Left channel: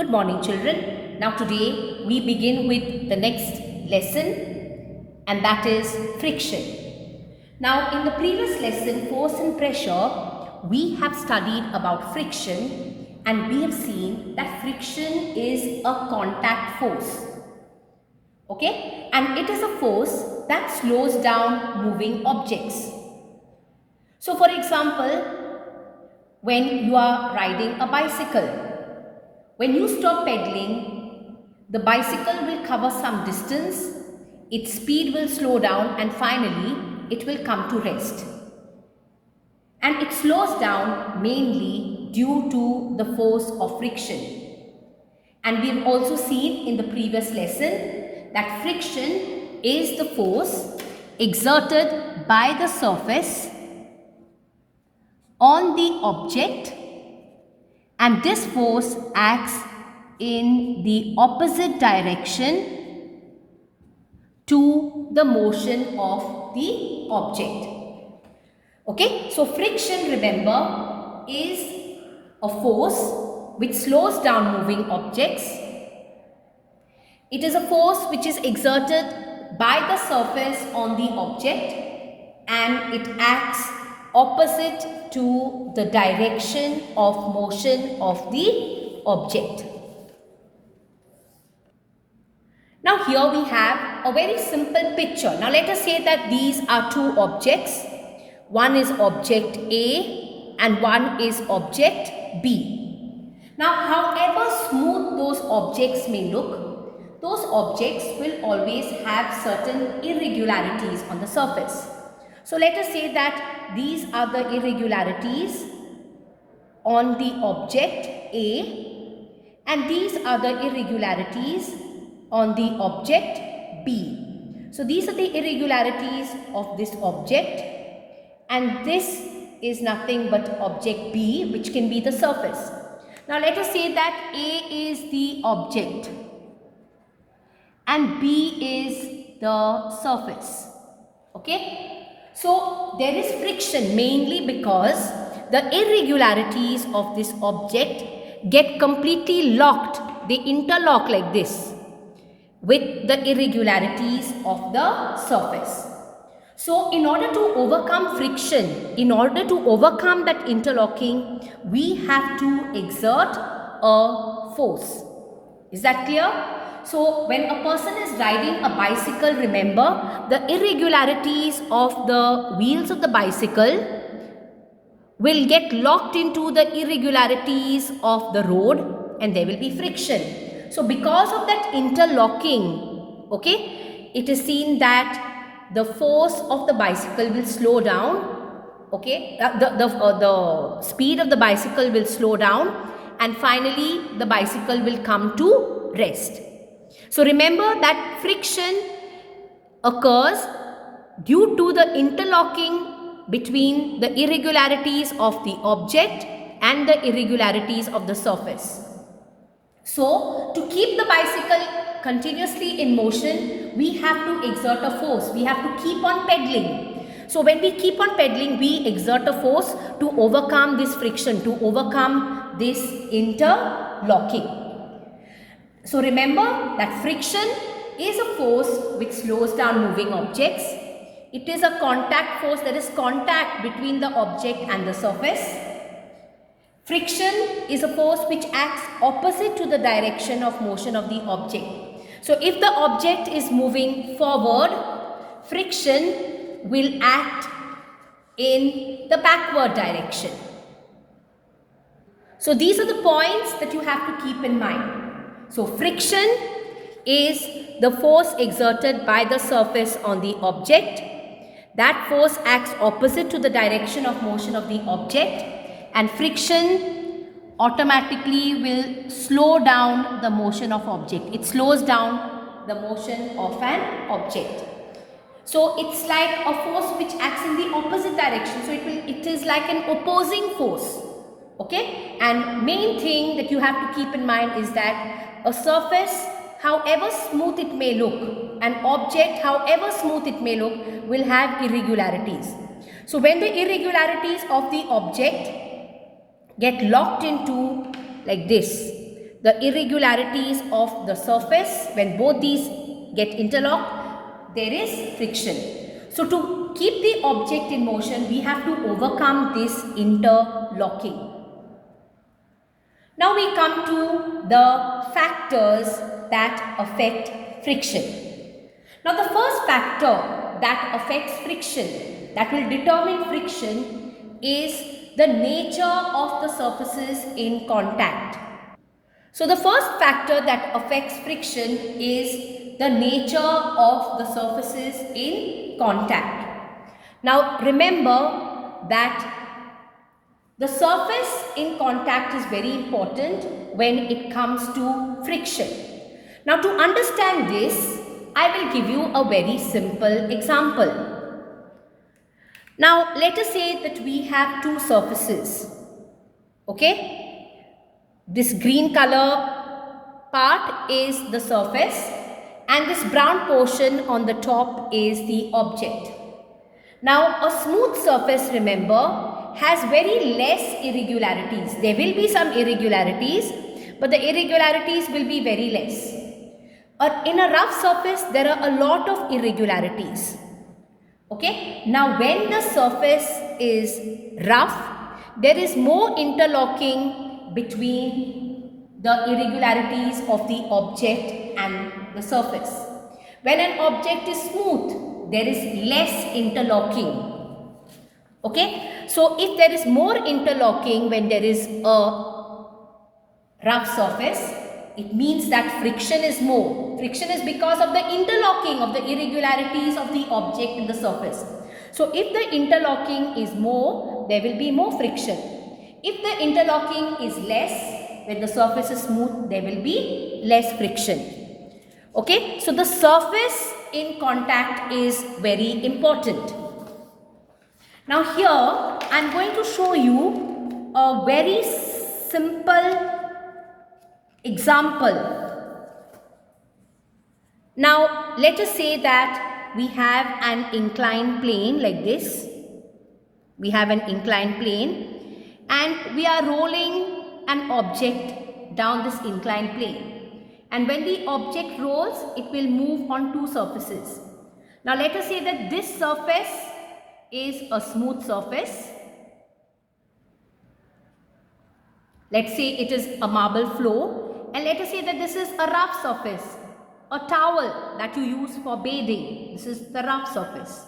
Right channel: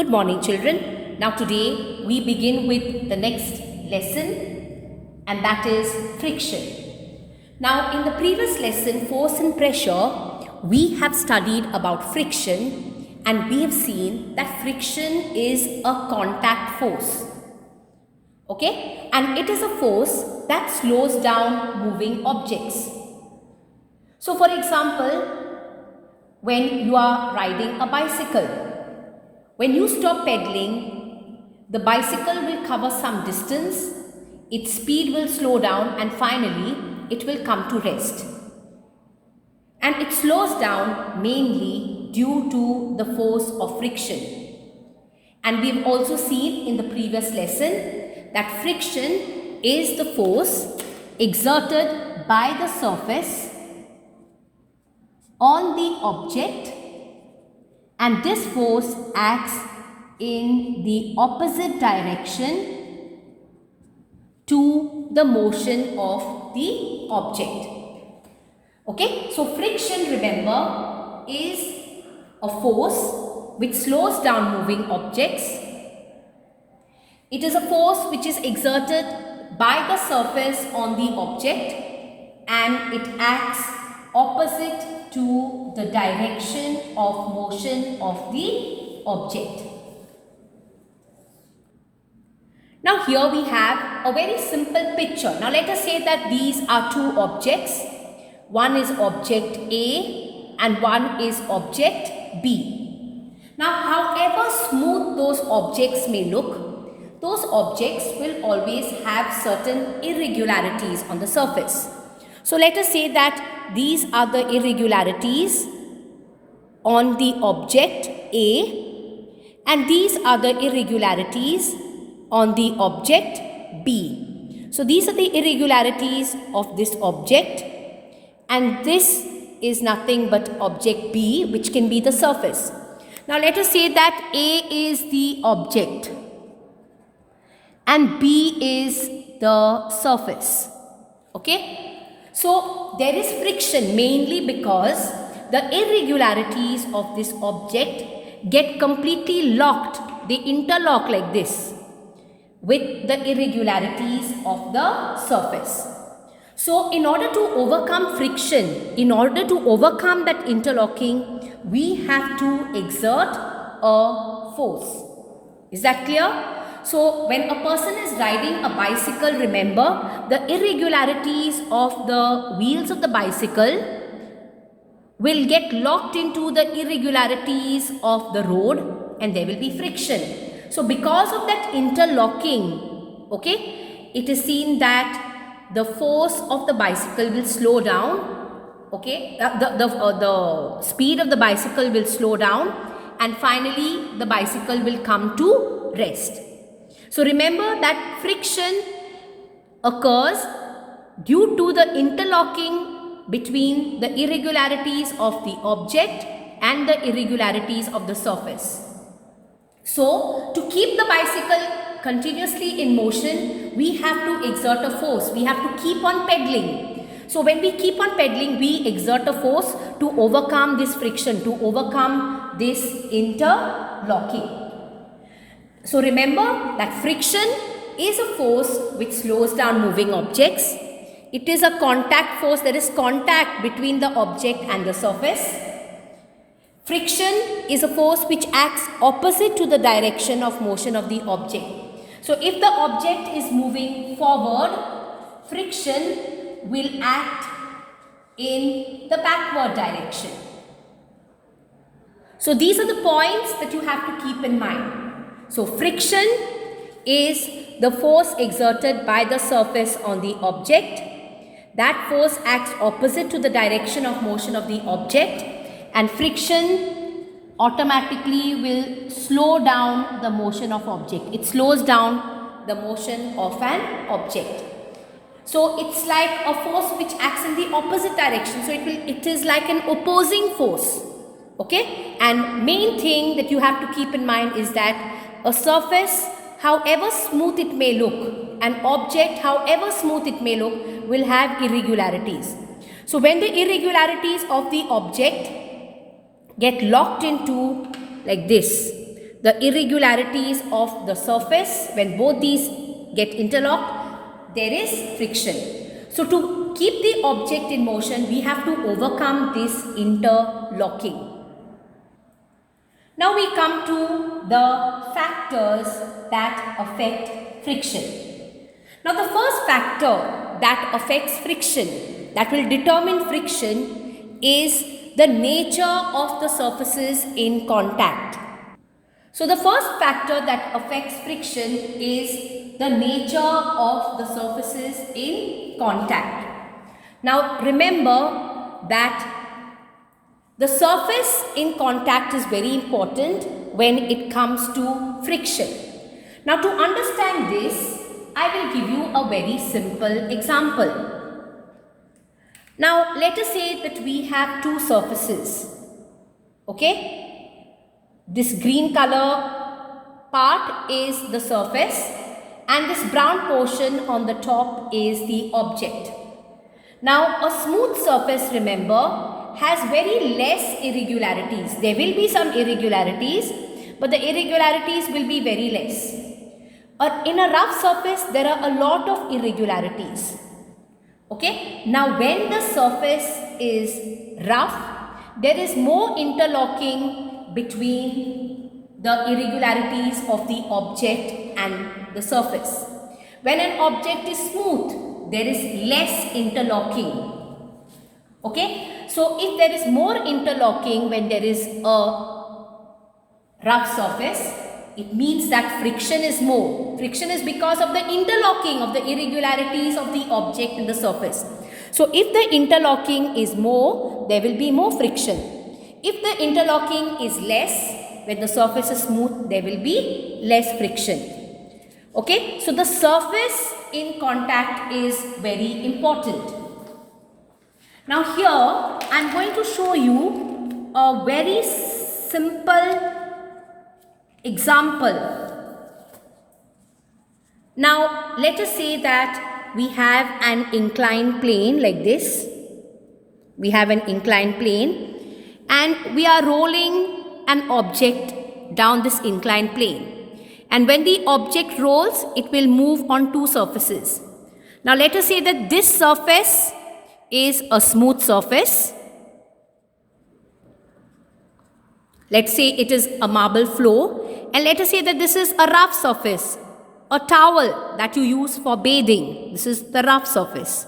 Good morning, children. Now, today we begin with the next lesson, and that is friction. Now, in the previous lesson, force and pressure, we have studied about friction, and we have seen that friction is a contact force. Okay? And it is a force that slows down moving objects. So, for example, when you are riding a bicycle, when you stop pedaling, the bicycle will cover some distance, its speed will slow down, and finally it will come to rest. And it slows down mainly due to the force of friction. And we've also seen in the previous lesson that friction is the force exerted by the surface on the object, and this force acts in the opposite direction to the motion of the object. Okay, so friction, remember, is a force which slows down moving objects. It is a force which is exerted by the surface on the object, and it acts opposite to the direction of motion of the object. Now here we have a very simple picture. Now let us say that these are two objects. One is object A and one is object B. Now however smooth those objects may look, those objects will always have certain irregularities on the surface. So let us say that these are the irregularities on the object A, and these are the irregularities on the object B. So these are the irregularities of this object, and this is nothing but object B, which can be the surface. Now let us say that A is the object and B is the surface. Okay? So there is friction mainly because the irregularities of this object get completely locked. They interlock like this with the irregularities of the surface. So in order to overcome friction, in order to overcome that interlocking, we have to exert a force. Is that clear? So when a person is riding a bicycle, remember the irregularities of the wheels of the bicycle will get locked into the irregularities of the road, and there will be friction. So because of that interlocking, okay, it is seen that the force of the bicycle will slow down, okay, the speed of the bicycle will slow down, and finally the bicycle will come to rest. So remember that friction occurs due to the interlocking between the irregularities of the object and the irregularities of the surface. So to keep the bicycle continuously in motion, we have to exert a force. We have to keep on pedaling. So when we keep on pedaling, we exert a force to overcome this friction, to overcome this interlocking. So remember that friction is a force which slows down moving objects. It is a contact force, there is contact between the object and the surface. Friction is a force which acts opposite to the direction of motion of the object. So if the object is moving forward, friction will act in the backward direction. So these are the points that you have to keep in mind. So friction is the force exerted by the surface on the object. That force acts opposite to the direction of motion of the object, and friction automatically will slow down the motion of object. It slows down the motion of an object. So it's like a force which acts in the opposite direction. So it is like an opposing force. Okay? And main thing that you have to keep in mind is that a surface, however smooth it may look, an object, however smooth it may look, will have irregularities. So when the irregularities of the object get locked into like this, the irregularities of the surface. When both these get interlocked, there is friction. So to keep the object in motion, we have to overcome this interlocking. Now we come to the factors that affect friction. Now the first factor that affects friction, that will determine friction, is the nature of the surfaces in contact. So the first factor that affects friction is the nature of the surfaces in contact. Now remember that the surface in contact is very important when it comes to friction. Now to understand this, I will give you a very simple example. Now let us say that we have two surfaces. Okay? This green color part is the surface and this brown portion on the top is the object. Now a smooth surface, remember, has very less irregularities. There will be some irregularities, but the irregularities will be very less. In a rough surface, there are a lot of irregularities. Okay? Now when the surface is rough, there is more interlocking between the irregularities of the object and the surface. When an object is smooth, there is less interlocking. Okay, so if there is more interlocking when there is a rough surface, it means that friction is more. Friction is because of the interlocking of the irregularities of the object in the surface. So if the interlocking is more, there will be more friction. If the interlocking is less, when the surface is smooth, there will be less friction. Okay, so the surface in contact is very important. Now here I am going to show you a very simple example. Now let us say that we have an inclined plane like this. We have an inclined plane and we are rolling an object down this inclined plane. And when the object rolls, it will move on two surfaces. Now let us say that this surface is a smooth surface. Let's say it is a marble floor, and let us say that this is a rough surface, a towel that you use for bathing. This is the rough surface.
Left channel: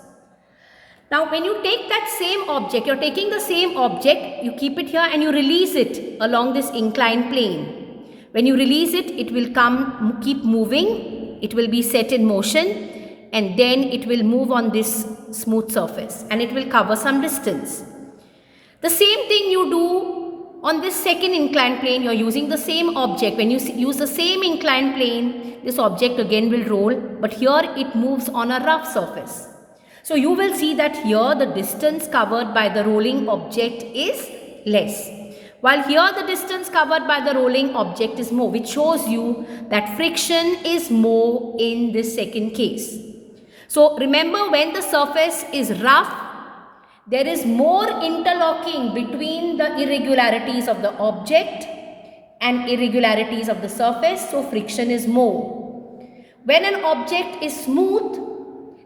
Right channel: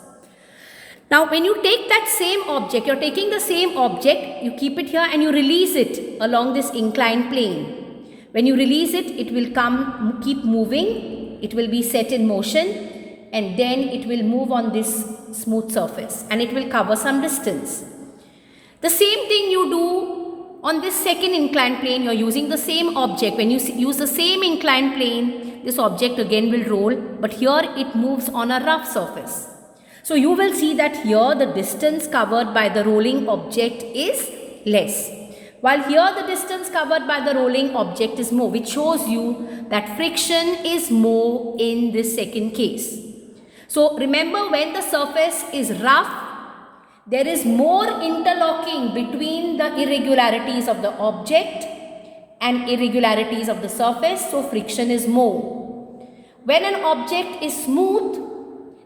Now when you take that same object, you're taking the same object, you keep it here and you release it along this inclined plane. When you release it, it will keep moving, it will be set in motion, and then it will move on this smooth surface and it will cover some distance. The same thing you do on this second inclined plane. You're using the same object. When you use the same inclined plane, this object again will roll, but here it moves on a rough surface. So you will see that here the distance covered by the rolling object is less, while here the distance covered by the rolling object is more, which shows you that friction is more in this second case. So remember, when the surface is rough, there is more interlocking between the irregularities of the object and irregularities of the surface, so friction is more. When an object is smooth,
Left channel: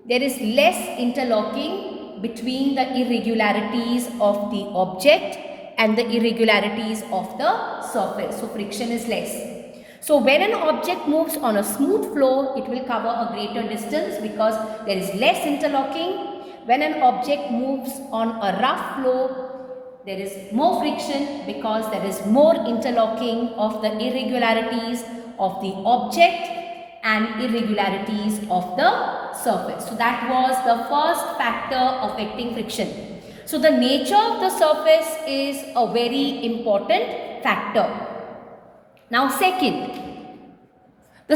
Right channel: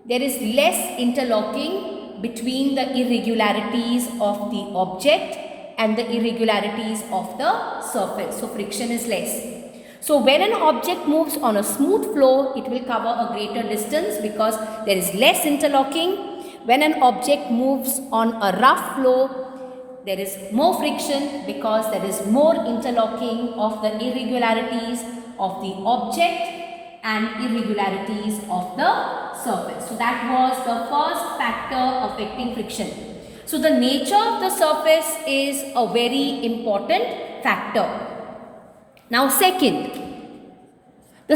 there is less interlocking between the irregularities of the object and the irregularities of the surface, so friction is less. So when an object moves on a smooth floor, it will cover a greater distance because there is less interlocking. When an object moves on a rough floor, there is more friction because there is more interlocking of the irregularities of the object and irregularities of the surface. So that was the first factor affecting friction. So the nature of the surface is a very important factor. Now the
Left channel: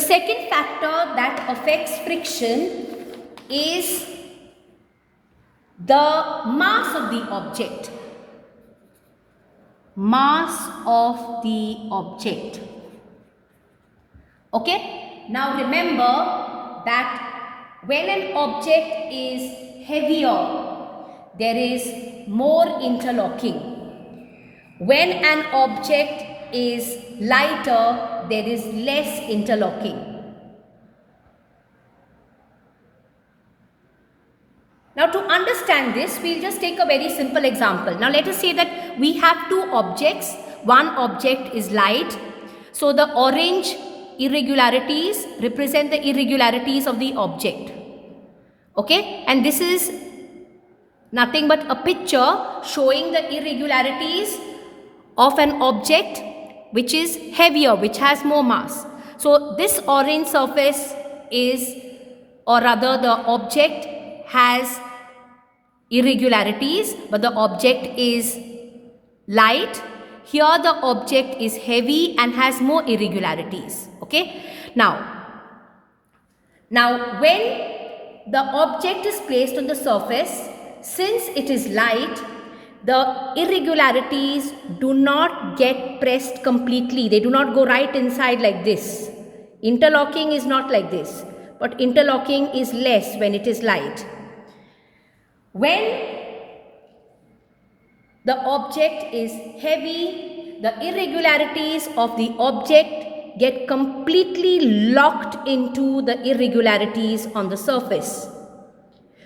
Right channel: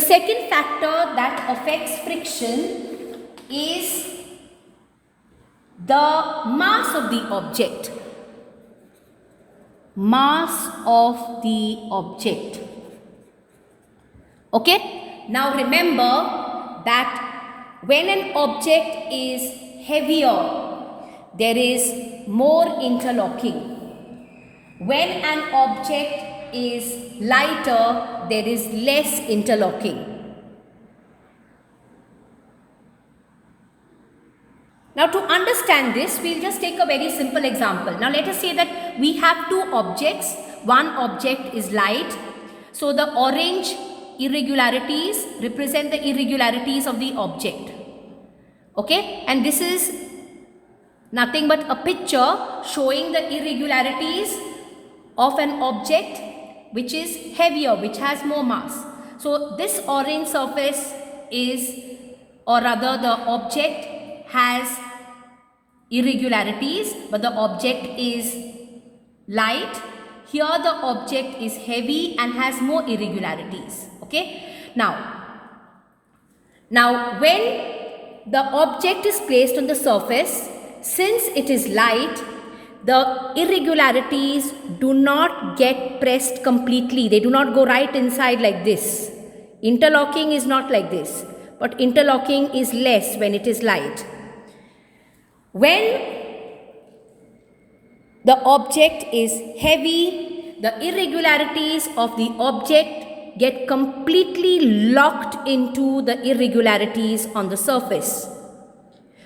second factor that affects friction is the mass of the object. Mass of the object. Okay? Now remember that when an object is heavier, there is more interlocking. When an object is lighter, there is less interlocking. Now to understand this, we'll just take a very simple example. Now let us say that we have two objects. One object is light. So the orange irregularities represent the irregularities of the object. Okay, and this is nothing but a picture showing the irregularities of an object which is heavier, which has more mass. So this orange surface is, or rather the object has irregularities, but the object is light. Here the object is heavy and has more irregularities. Okay, now when the object is placed on the surface, since it is light, the irregularities do not get pressed completely. They do not go right inside like this. Interlocking is not like this, but interlocking is less when it is light. When the object is heavy, the irregularities of the object get completely locked into the irregularities on the surface.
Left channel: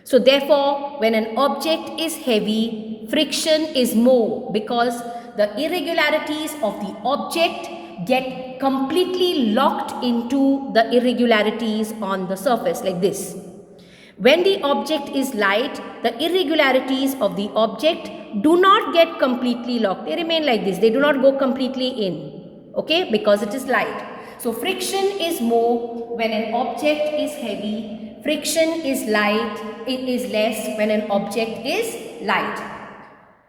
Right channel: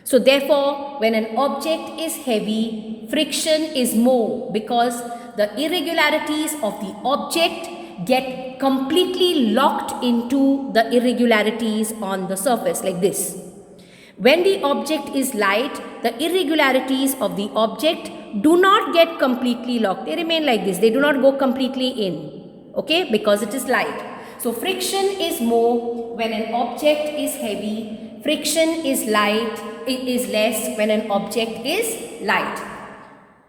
So therefore, when an object is heavy, friction is more because the irregularities of the object get completely locked into the irregularities on the surface like this. When the object is light, the irregularities of the object do not get completely locked. They remain like this. They do not go completely in. Okay, because it is light. So friction is more when an object is heavy. Friction is light. It is less when an object is light.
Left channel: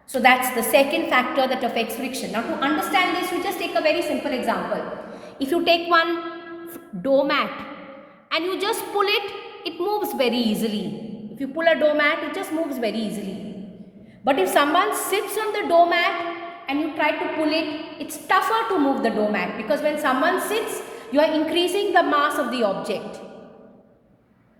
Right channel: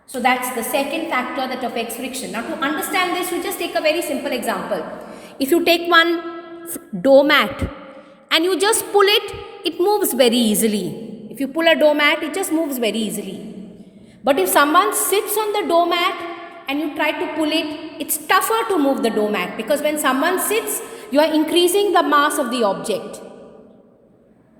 So that's the second factor that affects friction. Now to understand this, we just take a very simple example. If you take one doormat and you just pull it, it moves very easily. If you pull a doormat, it just moves very easily. But if someone sits on the doormat and you try to pull it, it's tougher to move the doormat because when someone sits, you are increasing the mass of the object.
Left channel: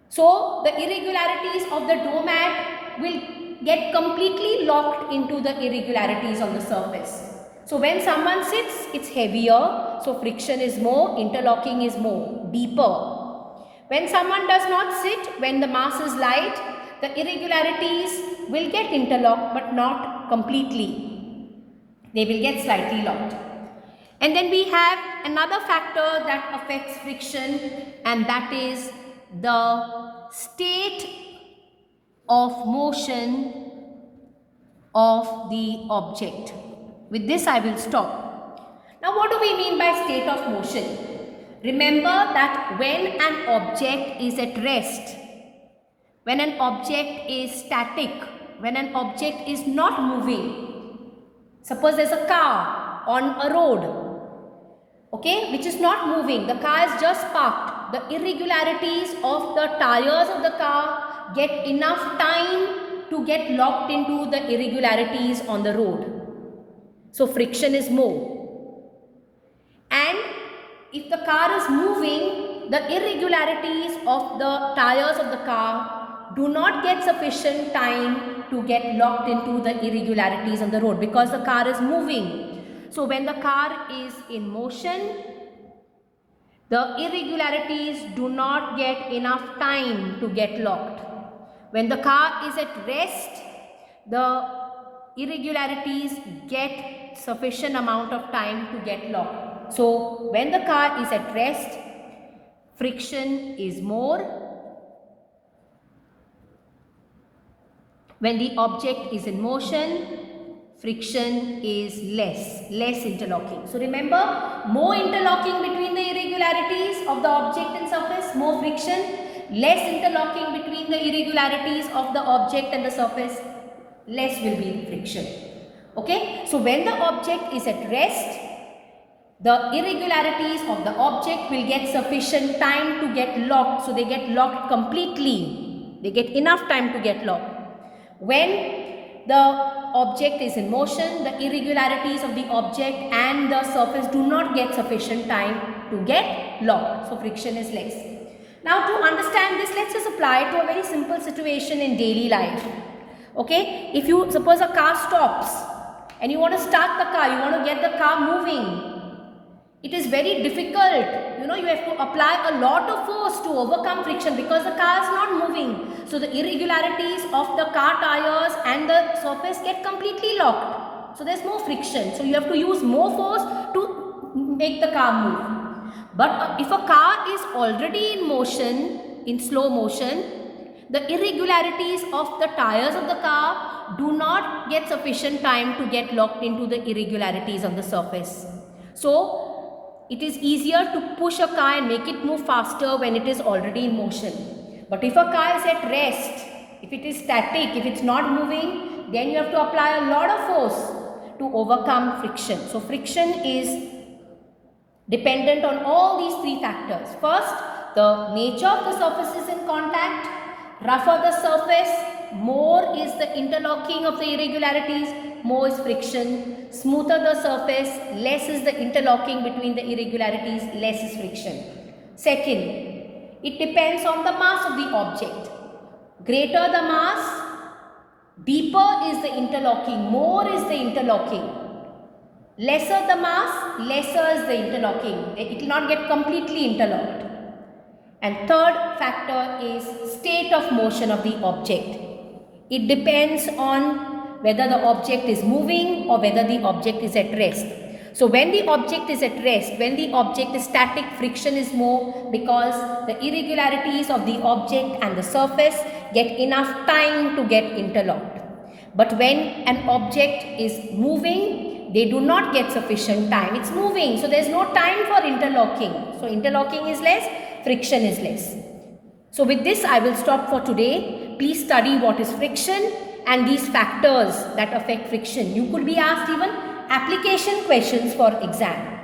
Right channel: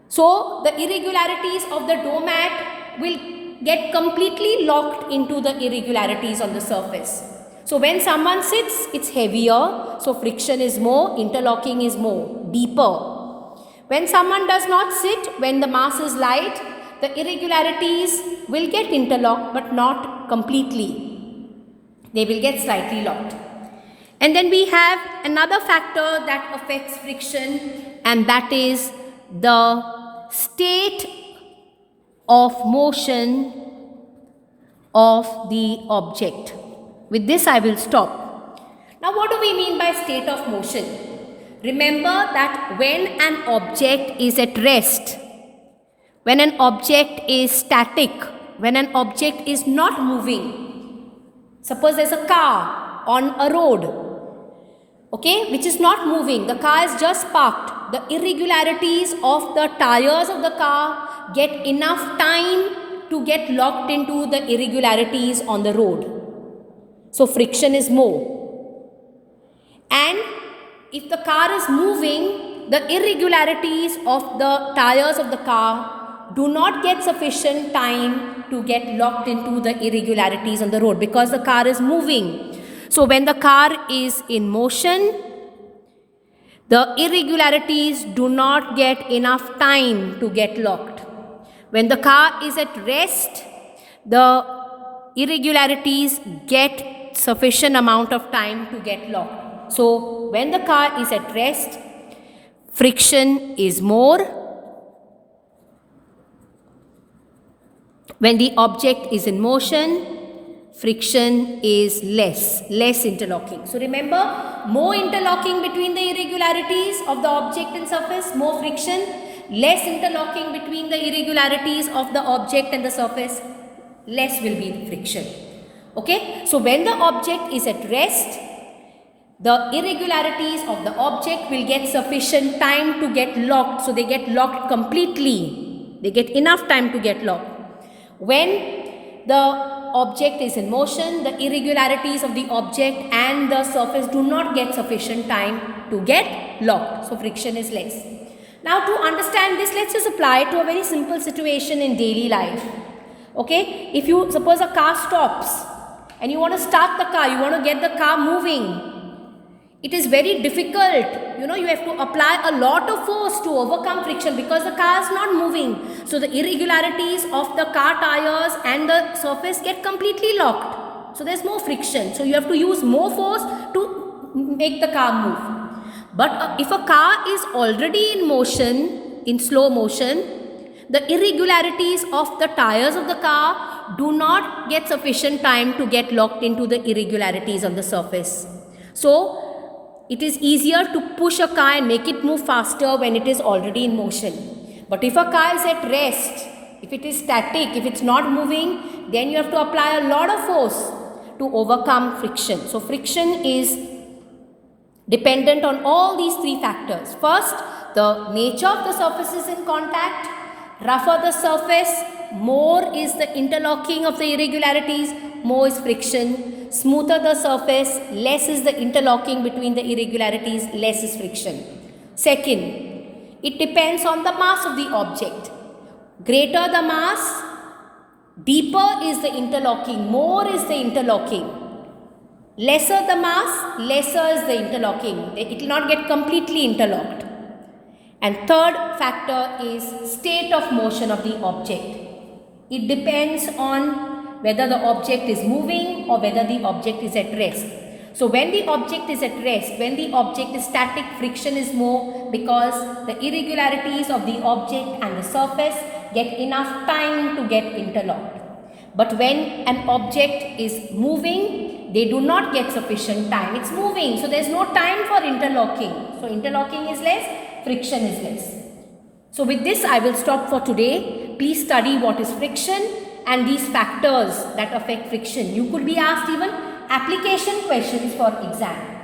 So the irregularities of the doormat will get completely locked into the irregularities on the surface. So when someone sits, it's heavier, so friction is more, interlocking is more, deeper. When someone does not sit, when the mass is light, the irregularities will get interlocked but not completely. They will get slightly locked. And then we have another factor that affects friction, and that is the state of motion of the object. With this I will stop. Now what do we mean by state of motion? Remember that when an object is at rest, when an object is static, when an object is not moving, suppose there's a car on a road, okay, which is not moving, the car is just parked, the irregularities of the tires of the car get enough time to get locked into the irregularities on the road. So friction is more. And if the car is moving, the irregularities of the tires of the car do not get sufficient time to get locked into the irregularities on the road because the car is moving. So when the car is in motion, the irregularities do not get enough time to get locked. When the car is at rest, the irregularities get sufficient amount of time to get locked. So when the car is at rest, friction is more. When the object is in motion, friction is less interlocking. So remember, more interlocking between the irregularities of the object and surface, more friction, less interlocking between the irregularities of the object and the surface, less will be friction. Okay, so when the object is at rest, the irregularities of the object will get sufficient time to get locked. So they get locked completely. They get enough time to get locked. When the object is in motion, the irregularities of the object and the surface do not get sufficient time to get locked. So friction is less. Now to understand this, let's just apply it to a very simple situation in daily life. Okay, if you suppose a car stops and you want to start the car, you want to get the car moving. it is very difficult. You have to apply a lot of force to overcome friction because the car is not moving. So the irregularities of the car tires and the surface get completely locked. So there's more friction. So you have to use more force to make the car move. But if a car is already in motion, in slow motion, the irregularities of the tires of the car do not get sufficient time to get locked into the irregularities on the surface. So it is easier to push a car and make it move faster when it is already in motion. But if a car is at rest, if it is static, if it's not moving, then you have to apply a lot of force to overcome friction. So friction is dependent on all these three factors. First, the nature of the surfaces in contact. Rougher the surface, more is the interlocking of the irregularities, more is friction. Smoother the surface, less is the interlocking between the irregularities, less is friction. Second, it depends on the mass of the object. Greater the mass, deeper is the interlocking, more is the interlocking. Lesser the mass, lesser is the interlocking. It will not get completely interlocked. And third factor is state of motion of the object. It depends on whether the object is moving or whether the object is at rest. So when the object is at rest, when the object is static, friction is more because the irregularities of the object and the surface get enough time to get interlocked. But when an object is moving, they do not get sufficient time. It's moving, so there's no time for interlocking. So interlocking is less, friction is less. So with this I will stop for today. Please study what is friction and these factors that affect friction. You could be asked even application questions for exam.